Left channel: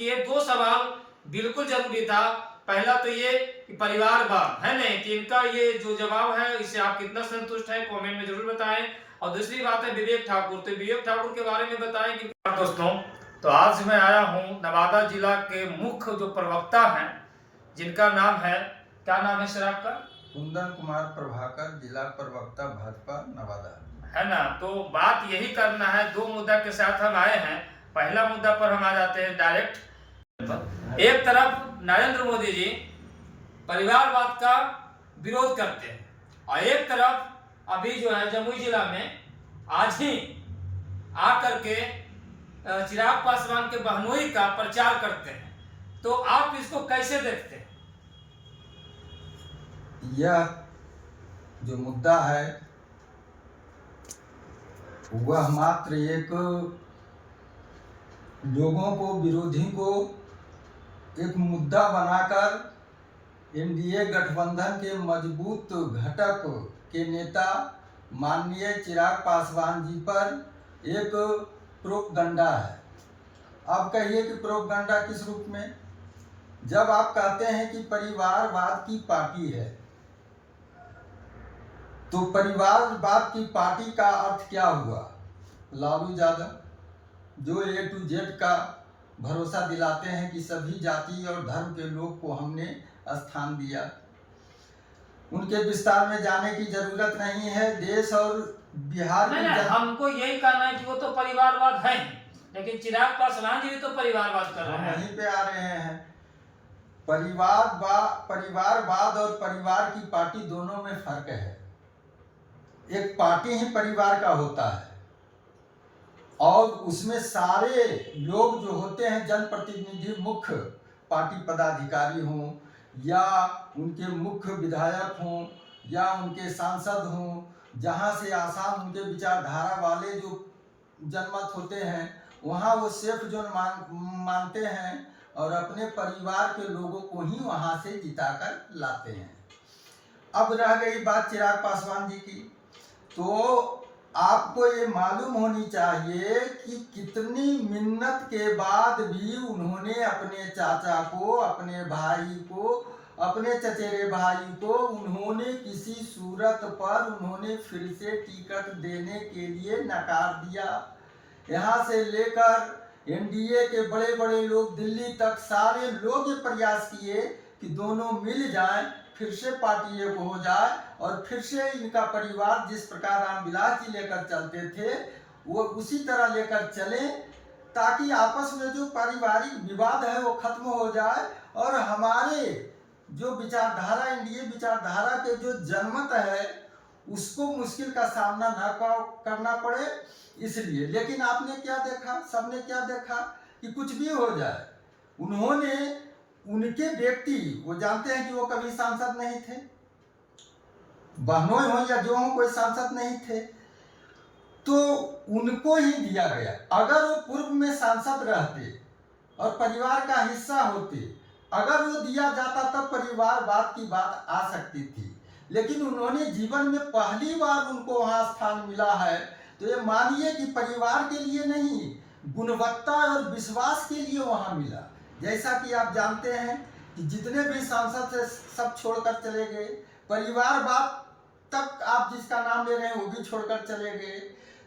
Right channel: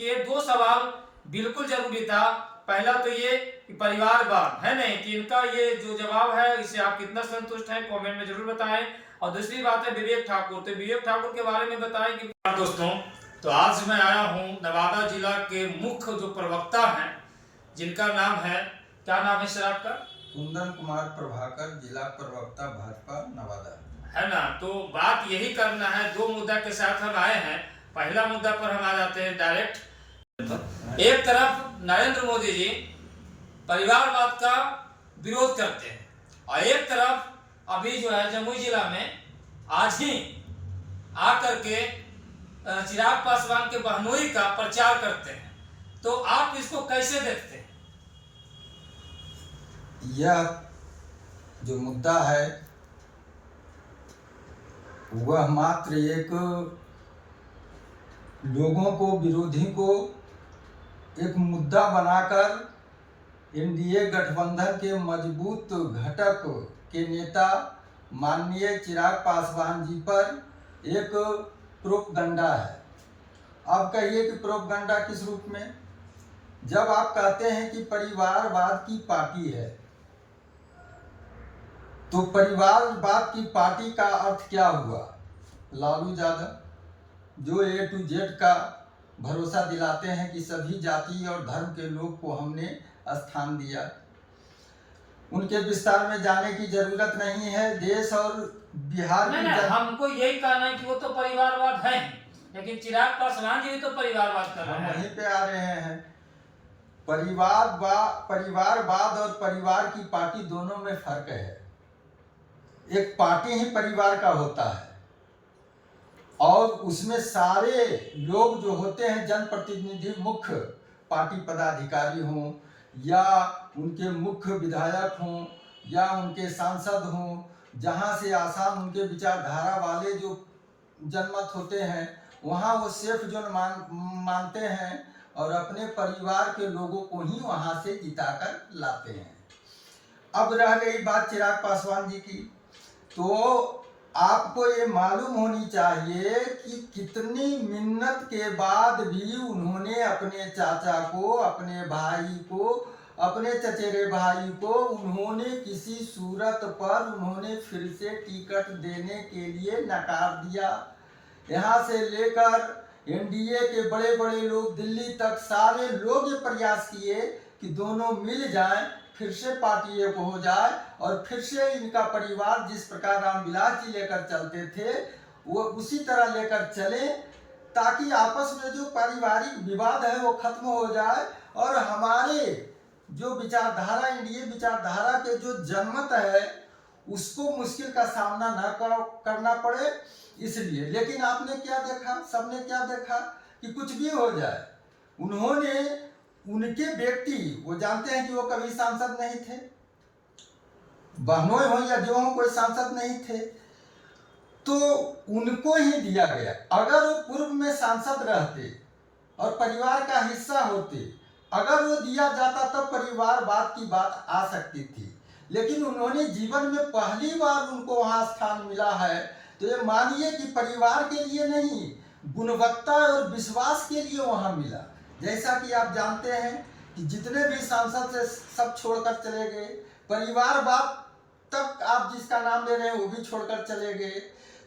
क्योंकि ये दो सवाल बिल्कुल जरूरी था। पहला तो ये कि परिवारवाद है नहीं कि इनका ये जो जवाब है इससे आप कितना संतुष्ट हैं, कमेंट में जरूर बताएं। और दूसरी बात है विवेक ठाकुर, तो विवेक ठाकुर के बारे में बताएं कि दोस्तों, तो आज मैं आया हूँ नवादा जिला के मुख्य जो प्रवक्ता हैं, जिनका नाम है, क्या नाम है सर आपका? कुंदन कुमार प्रभाकर, जिला प्रवक्ता भाजपा नवादा, है ना। तो बात यही करना है, दो मुद्दा के साथ हम आए हैं। पहला मुद्दा पर हम आ जाते हैं डायरेक्ट। एक तरफ नरेंद्र मोदी जी परिवारवाद का विरोध करते हैं और एक तरफ अभी जो है जमुई जिला में आज ही आकर के चिराग पासवान के बहनोई का प्रचार करते हैं। तो आप इसको कैसे देखते हैं? यह जो मुद्दा है वह मात्र एक लोगों को, विरोधी को एक मुद्दा बनाकर एनडीए गठबंधन के मजबूत घटक के नेता माननीय चिराग पासवान जी पर एक प्रोपगंडा है। अब कहिए कि प्रोपगंडा किस रूप में? जब आप कहते हैं कि परिवारवाद की पार्टी है, तो परिवारवाद की पार्टी का अर्थ क्या हुआ? लालू यादव जो A to Z का भरोसा दिलाते हैं कि सभी जाति और धर्म के लोग को हमने स्थान दिया, उनके विस्तार में जाने की जरूरत नहीं है। देश और बिहार की हमको यही कहना है कि वो तो परिवारवाद है, लेकिन चिराग पासवान जी भी तो परिवारवाद कर रहे हैं। वहीं पे आ रहे हैं। परिवारवाद और परिवार की पार्टी दोनों में फर्क है। एक पार्टी ही परिवार का होता है और उसमें सारे लोग जो होते हैं, जनप्रतिनिधि, मुख्य पार्टी पदाधिकारी हों या उनके मुख्य विधायक हों या उनके सांसद हों, जहां से आसान उनके विचारधारा वाले जो जनमत होते हैं, वहां वो सिर्फ जो मानते हैं और अपने परिवार के लोगों को ही वहां से जिताकर लाते हैं। अब रह गई बात चिराग पासवान जी की, तो आपको ये मालूम होनी चाहिए कि कितनी मिन्नत के बाद भी उन्होंने अपने चाचा को, अपने भाई को, अपने चचेरे भाई को उन्होंने किसी सूरत पर उन्होंने फिर से टिकट देने के लिए नकार दिया। यहाँ से लेकर एनडीए के बड़े बड़े लोग दिल्ली तक सारे लोग ये प्रयास किए कि दोनों मिल जाएं, फिर से पार्टी एक हो जाए और फिर से इनका परिवार जिस प्रकार रामविलास जी लेकर चलते थे वो उसी तरह लेकर चले, ताकि आपस में जो पारिवारिक विवाद है वो खत्म हो जाए और हमारे जो विचारधारा, एनडीए विचारधारा के जो जनमत है उसको मुश्किल का सामना न करना पड़े, इसलिए। लेकिन आपने क्या देखा, सबने क्या देखा कि कुछ भी हो जाए, उन्होंने उनके व्यक्ति, वो जानते हैं कि वो कभी सांसद नहीं थे, बहनोई हो या जो हो, कोई सांसद नहीं थे, तो उनको ही दिया गया। अगर वो पूर्व में सांसद रहते और परिवार का हिस्सा होते, अगर वो दिया जाता तब परिवारवाद की बात आ सकती थी। लेकिन उन्होंने जीवन में पहली बार उनको वहाँ स्थान मिला है, तो ये मानिए कि परिवार के लिए नहीं, गुणवत्ता और विश्वास के लिए वहाँ मिला। जैसा कि आप जानते हैं कि जितने भी सांसद से सब छोड़कर चले गए, परिवारवाद तक आप जिसका नाम ले रहे हैं वो भी छोड़कर चले गए।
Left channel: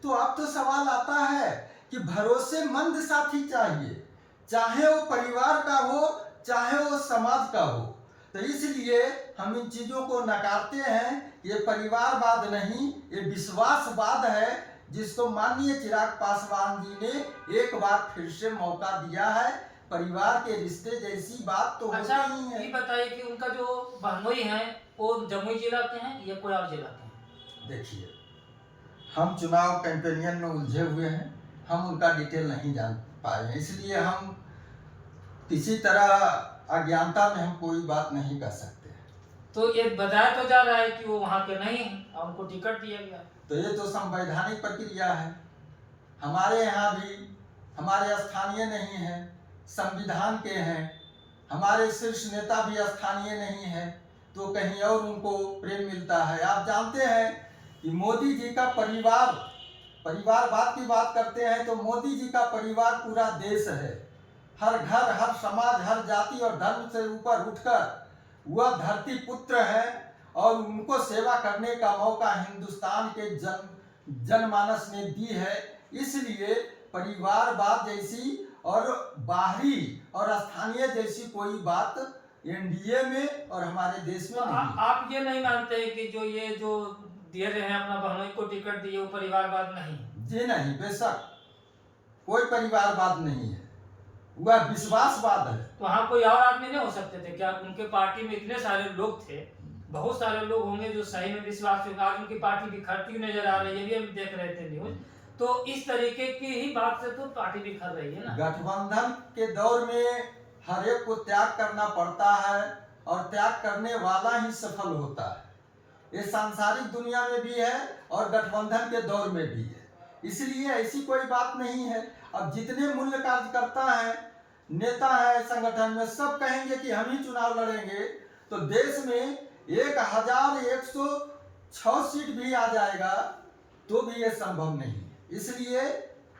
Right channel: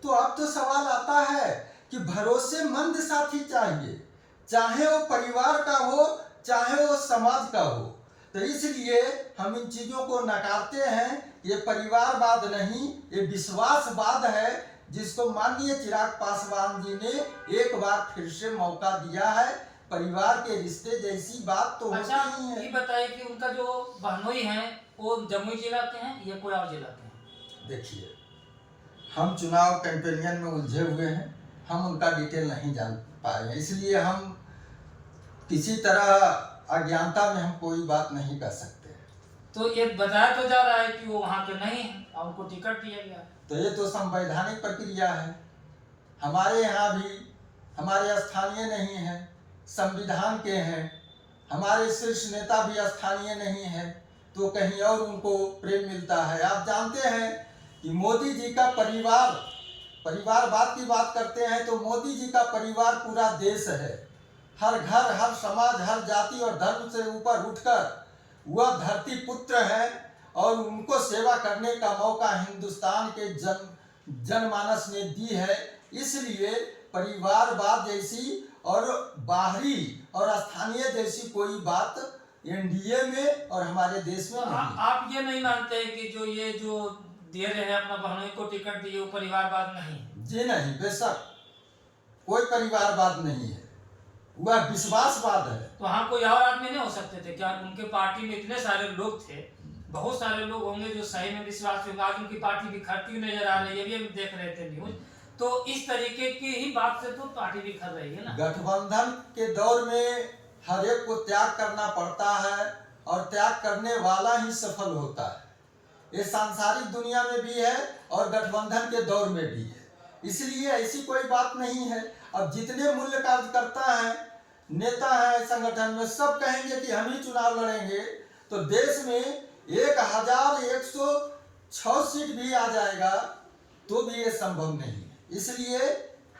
तो अब तो सवाल आता है कि भरोसेमंद साथी चाहिए, चाहे वो परिवार का हो चाहे वो समाज का हो। तो इसलिए हम इन चीज़ों को नकारते हैं। ये परिवारवाद नहीं, ये विश्वासवाद है, जिसको माननीय चिराग पासवान जी ने एक बार फिर से मौका दिया है। परिवार के रिश्ते जैसी बात तो होती ही है। ये बताइए कि उनका जो बहनोई है वो जमुई जिला के हैं या कोई और जिला के हैं? देखिए, हम चुनाव कैंपेनियन में उलझे हुए हैं, हम उनका डिटेल नहीं जान पाए हैं, इसलिए हम किसी तरह अज्ञानता में हम कोई बात नहीं कर सकते। तो ये बताया तो जा रहा है कि वो वहाँ के नहीं हैं और उनको टिकट दिया गया। तो ये तो संवैधानिक प्रक्रिया है। हमारे यहाँ भी हमारे स्थानीय नहीं हैं, संविधान के हैं। हमारे शीर्ष नेता भी स्थानीय नहीं है, तो कहीं और उनको प्रेम मिलता है। आप जानते हैं कि मोदी जी का परिवारवाद की बात करते हैं तो मोदी जी का परिवार पूरा देश है। हर घर, हर समाज, हर जाति और धर्म से ऊपर उठकर वह धरती पुत्र है और उनको सेवा करने का मौका हिंदुस्तान के जनमानस ने दी है। इसलिए परिवारवाद जैसी और बाहरी और स्थानीय जैसी कोई बात एनडीए में और हमारे देश में नहीं। आप ये नहीं मानते कि ये जो दे रहे हैं अपना बहनोई को टिकट दिए वो परिवारवाद नहीं? जी नहीं, बेशक कोई परिवारवाद नहीं है, वह विश्वासवाद है। तो वहाँ कोई और आदमी नहीं हो सकते थे क्या? उनके पार्टी में इतने सारे लोग थे, बहुत सारे लोग होंगे जो सही में विश्वास होगा। आज उनकी पार्टी बिखरती नजर आ रही है, ये भी हम देख रहे थे न्यूज। तो इस तरीके की ही बात से तो पार्टी बिखर रही है ना। गठबंधन के दौर में हर एक को त्याग करना पड़ता है और त्याग करने वाला ही सफल होता है। ये सांसारिक दुनिया में भी है और गठबंधन के दौर में भी है। इसलिए ऐसी कोई बात नहीं है। अब जितने मूल्य कार्यकर्ता हैं, नेता है संगठन में, सब कहेंगे कि हम ही चुनाव लड़ेंगे तो देश में 1106 सीट भी आ जाएगा तो भी ये संभव नहीं है। इसलिए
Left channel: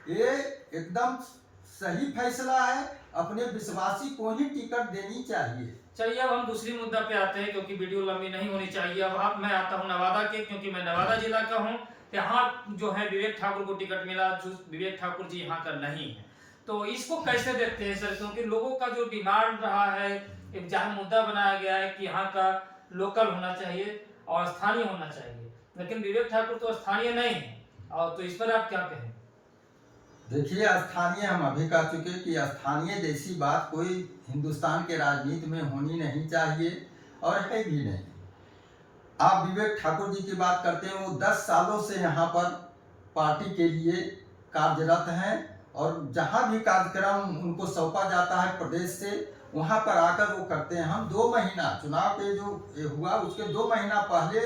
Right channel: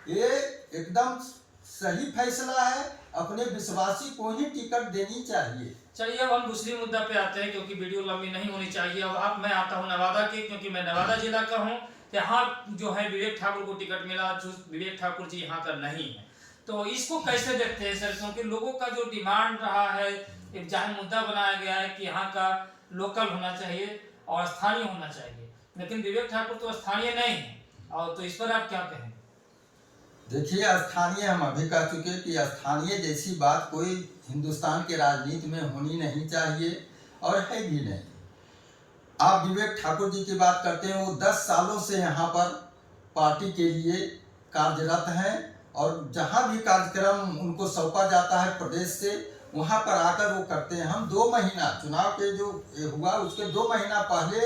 ये एकदम सही फैसला है, अपने विश्वासी को ही टिकट देनी चाहिए। चलिए अब हम दूसरी मुद्दा पे आते हैं, क्योंकि वीडियो लंबी नहीं होनी चाहिए। अब मैं आता हूँ नवादा के, क्योंकि मैं नवादा जिला का हूँ। यहाँ जो है विवेक ठाकुर को टिकट मिला, जो विवेक ठाकुर जी यहाँ का नहीं है। तो इसको कैसे देखते हैं सर? क्योंकि लोगों का जो डिमांड रहा है, एक जहाँ मुद्दा बनाया गया है कि यहाँ का लोकल होना चाहिए और स्थानीय होना चाहिए, लेकिन विवेक ठाकुर तो स्थानीय नहीं है। और तो इस पर आप क्या कहें? देखिए, स्थानीय हम अभी कह चुके कि स्थानीय जैसी बात कोई हिंदुस्तान के राजनीति में होनी नहीं चाहिए और है भी नहीं। आप विवेक ठाकुर जी की बात करते हैं, वो 10 सालों से यहाँ पर पार्टी के लिए कार्यरत हैं और जहाँ भी कार्यक्रम उनको सौंपा जाता है प्रदेश से, वहाँ पर आकर वो करते हैं। हम 2 महीना चुनाव के जो हुआ उसके 2 महीना पहले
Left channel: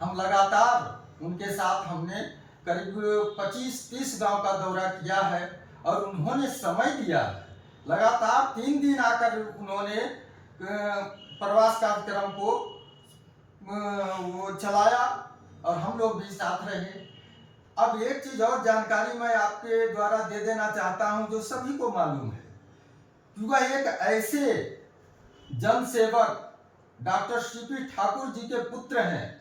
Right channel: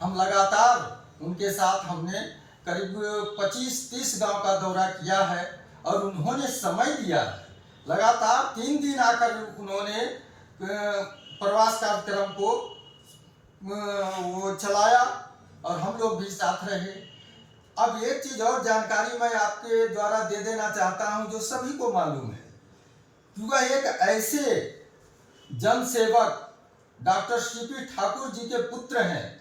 हम लगातार उनके साथ हमने करीब 25-30 गांव का दौरा किया है और उन्होंने समय दिया है। लगातार 3 दिन आकर उन्होंने प्रवास कार्यक्रम को वो चलाया और हम लोग भी साथ रहे। अब एक चीज़ और जानकारी मैं आपके द्वारा दे देना चाहता हूं जो सभी को मालूम है कि वह एक ऐसे जनसेवक डॉक्टर सीपी ठाकुर जी के पुत्र हैं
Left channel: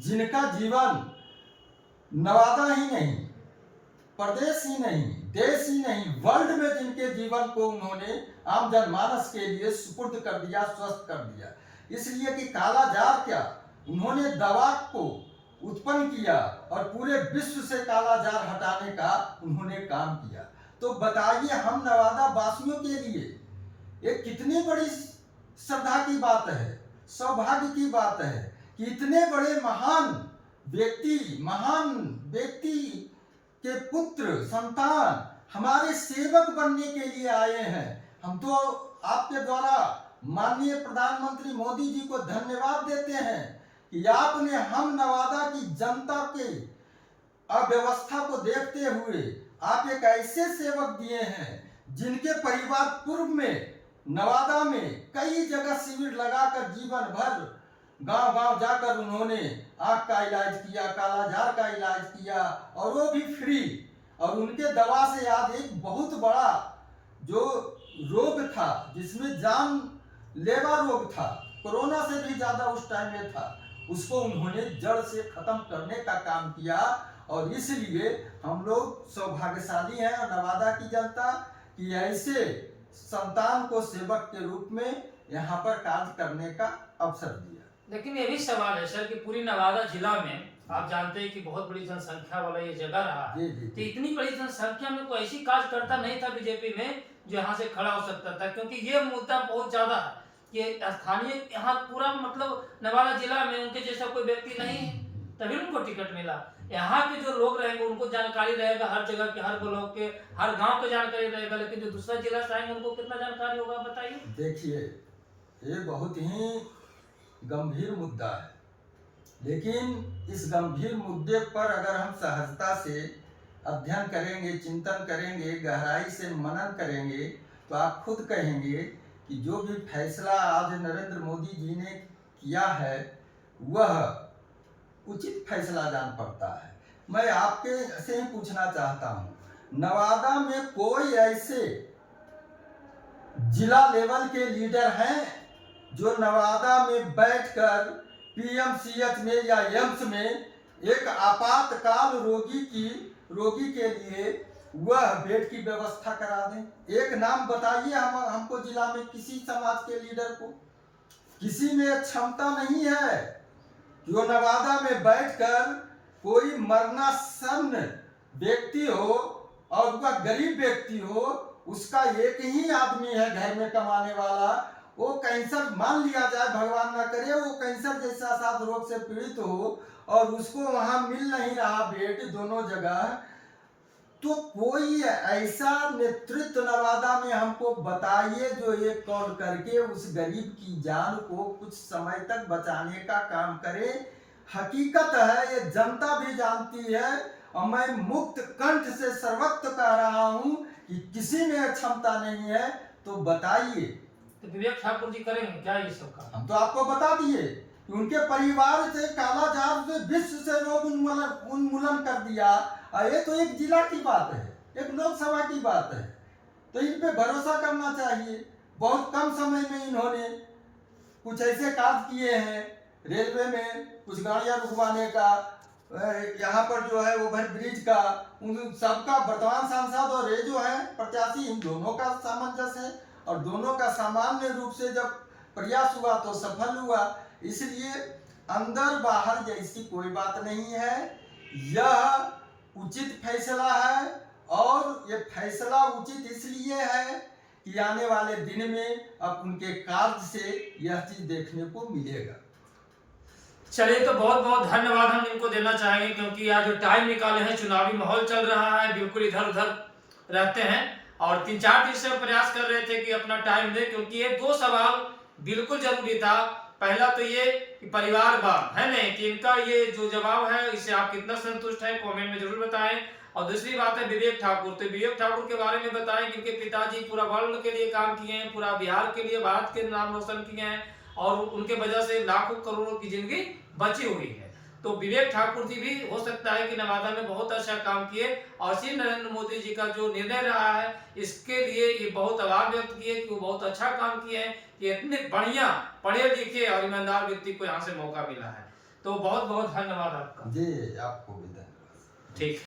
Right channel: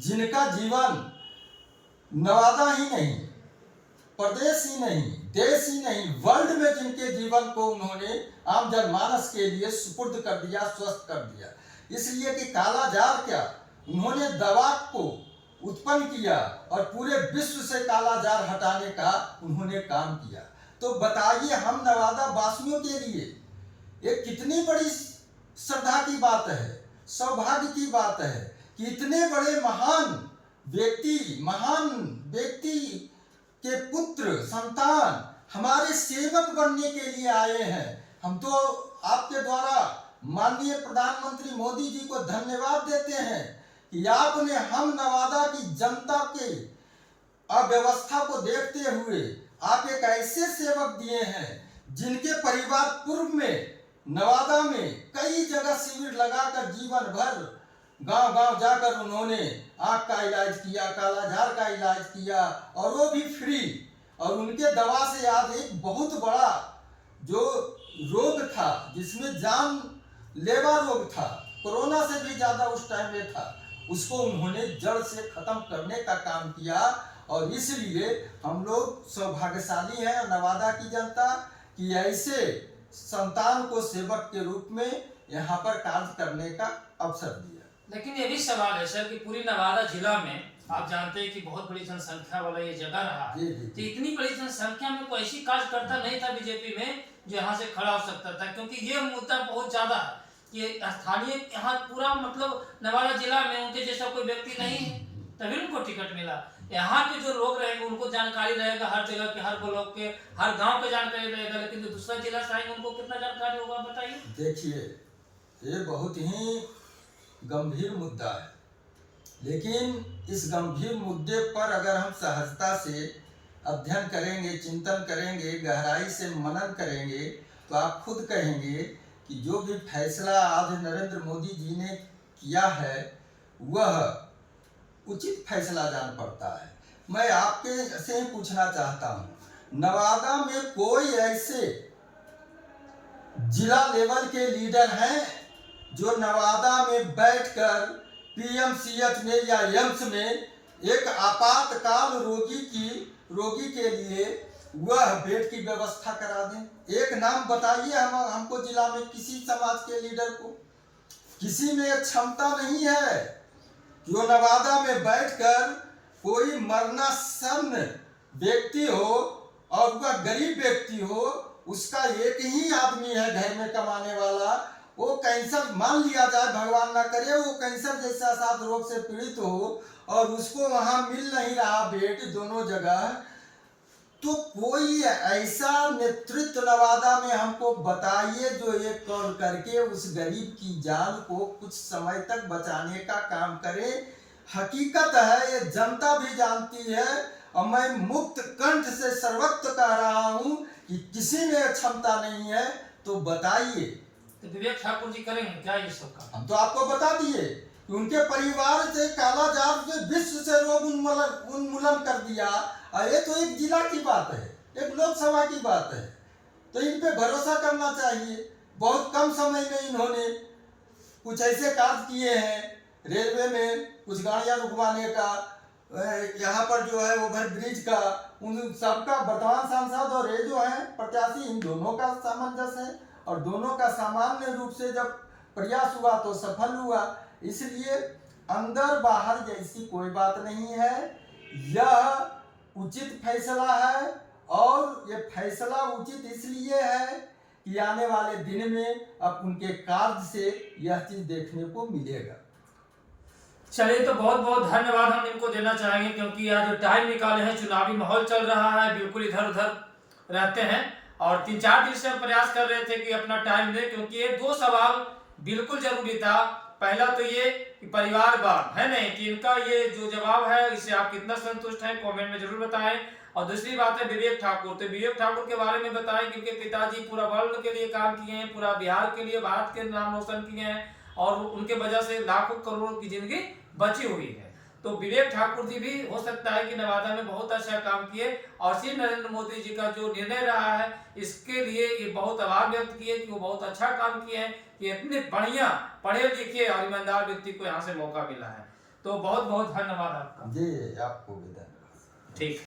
जिनका जीवन नवादा ही नहीं, प्रदेश ही नहीं, देश ही नहीं, वर्ल्ड में जिनके जीवन को उन्होंने आम जनमानस के लिए सुपुर्द कर दिया, स्वस्थ कर दिया। इसलिए कि कालाजार क्या, उन्होंने दवा को उत्पन्न किया और पूरे विश्व से कालाजार हटाने का उन्होंने काम किया। तो बताइए, हम नवादा वासियों के लिए ये कितनी बड़ी श्रद्धा की बात है, सौभाग्य की बात है कि इतने बड़े महान व्यक्ति के पुत्र संतान हमारे सेवक बनने के लिए आए हैं। हम तो आपके द्वारा माननीय प्रधानमंत्री मोदी जी को धन्यवाद देते हैं कि आपने हम नवादा की जनता के अव्यवस्था को देखते हुए आप एक ऐसे सेवक दिए हैं जिनके परिवार पूर्व में नवादा में कई जगह शिविर लगाकर जीवन भर गांव-गांव जाकर उन्होंने आँख का इलाज किया, कालाजार का इलाज किया और वो भी फ्री। और उनके दवा से आज एक बहुत बड़ा जो रोग था जिसमें जानलेवा रोग था, कोरोना से भी ज़्यादा उस टाइम में था, उसको उन्होंने जड़ से खत्म करने का काम किया। और इसलिए हम लोग सौभाग्यशाली हैं नवादा की जनता कि ऐसे संतान को सेवक के रूप में यहाँ पर कार्य करने का अवसर दिया। लेकिन ये भी सवाल है सर कि पूरी नवादा जिला में आप जानते हैं कि बहुत बड़ी जनसंख्या वाला ये जगह रहा है। तो इतनी बड़ी जनसंख्या में कोई ऐसी कार्यकर्ता नहीं था बीजेपी में जो यहाँ से खड़ा हो सकता था, क्योंकि ये मुद्दा बहुत ज्यादा है कि स्थानीय यहाँ पूरा मतलब नवादा जिला में उनके जैसा कोई व्यक्ति नहीं है, तभी उनको टिकट मिला। यहाँ के जो लोग रहेंगे उनको जानकारी रहेगा, हर जगह के, हर ब्लॉक के, हर गांव के जानकारी रहेगा, लेकिन जो दूसरा जिला से आएंगे उनको कितना जानकारी होगा बताइए। देखिए, ये बहुत ही गंभीर मुद्दा है, लेकिन इस गंभीर मुद्दे पर अगर हम सहजता से अध्ययन करेंगे, चिंतन करेंगे, गहराई से मनन करेंगे तो आप खुद कहेंगे कि जो भी फैसला आज नरेंद्र मोदी जी ने किया है वह उचित फैसला जान पड़ता है। मैं आपके से ही पूछना चाहता हूँ, नवादा में कोई ऐसे जिला लेवल के लीडर हैं जो नवादा में बैठकर पीएमसीएच में या एम्स में एक आपातकाल रोगी के लिए वह बेड की व्यवस्था करा दें। एक नाम बताइए हमको जिला में किसी समाज के लीडर को। किसी में क्षमता नहीं है जो नवादा में बैठकर कोई मरणासन्न व्यक्ति हो और वह गरीब व्यक्ति हो, उसका एक ही आदमी है घर में कमाने वाला, वो कैंसर मान लिया जाए, भगवान ना करे, वो कैंसर जैसा सात रोग से पीड़ित हो और उसको वहां मिल नहीं रहा बेड दोनों जगह, तो कोई ऐसा नेतृत्व नवादा में हमको बताइए जो एक कॉल करके उस गरीब की जान को कुछ समय तक बचाने का काम करे। हकीकत है, ये जनता भी जानती है और मैं मुक्त कंठ से सर्वत्र कह रहा हूं कि किसी में क्षमता नहीं है तो बताइए। तो विवेक ठाकुर जी करेंगे क्या ये सब काम? हम तो आपको बता दिए कि उनके परिवार से कालाजार से विश्व से रोग उन्मूलन कर दिया, और ये तो एक जिला की बात है, एक लोकसभा की बात है, तो इन पे भरोसा करना चाहिए। बहुत कम समय में इन्होंने कुछ ऐसे कार्य किए हैं, रेलवे में कुछ गाड़ियां रुकवाने का, यहाँ पर जो है ओवर ब्रिज का, उन सबका वर्तमान सांसद और ये जो है प्रत्याशी, इन दोनों का सामंजस्य है और दोनों का सामान्य रूप से जब प्रयास हुआ तो सफल हुआ। इसलिए अंदर बाहर जैसी कोई बात नहीं है, यह उचित फैसला है और ये फैसला उचित इसलिए है कि आने वाले दिन में अब उनके कार्य से यह चीज देखने को मिलेगा। चलिए, तो बहुत बहुत धन्यवाद हम इनको देना चाहेंगे, क्योंकि आज जो टाइम निकाले हैं, चुनावी माहौल चल रहा है, बिल्कुल इधर उधर रहते हैं और 3-4 दिन से प्रयास कर रहे थे कि अपना टाइम दे, क्योंकि ये 2 सवाल बिल्कुल जरूरी था। पहला तो ये कि परिवारवाद है नहीं कि इनका ये जो जवाब है इससे आप कितना संतुष्ट हैं, कमेंट में जरूर बताएं। और दूसरी बात है विवेक ठाकुर, तो विवेक ठाकुर के बारे में बताएं, क्योंकि पिताजी पूरा वर्ल्ड के लिए काम किए हैं, पूरा बिहार के लिए, भारत के नाम रोशन किए हैं और उनके वजह से लाखों करोड़ों की जिंदगी बची हुई है। तो विवेक ठाकुर जी भी हो सकता है कि नवादा में बहुत अच्छा काम किए और श्री नरेंद्र मोदी जी का जो निर्णय रहा है इसके लिए ये बहुत आभार व्यक्त किए कि वो बहुत अच्छा काम किए हैं कि इतने बढ़िया पढ़े लिखे और ईमानदार व्यक्ति को यहाँ से मौका मिला है। तो बहुत बहुत धन्यवाद आपका। जी, आपको भी धन्यवाद। ठीक।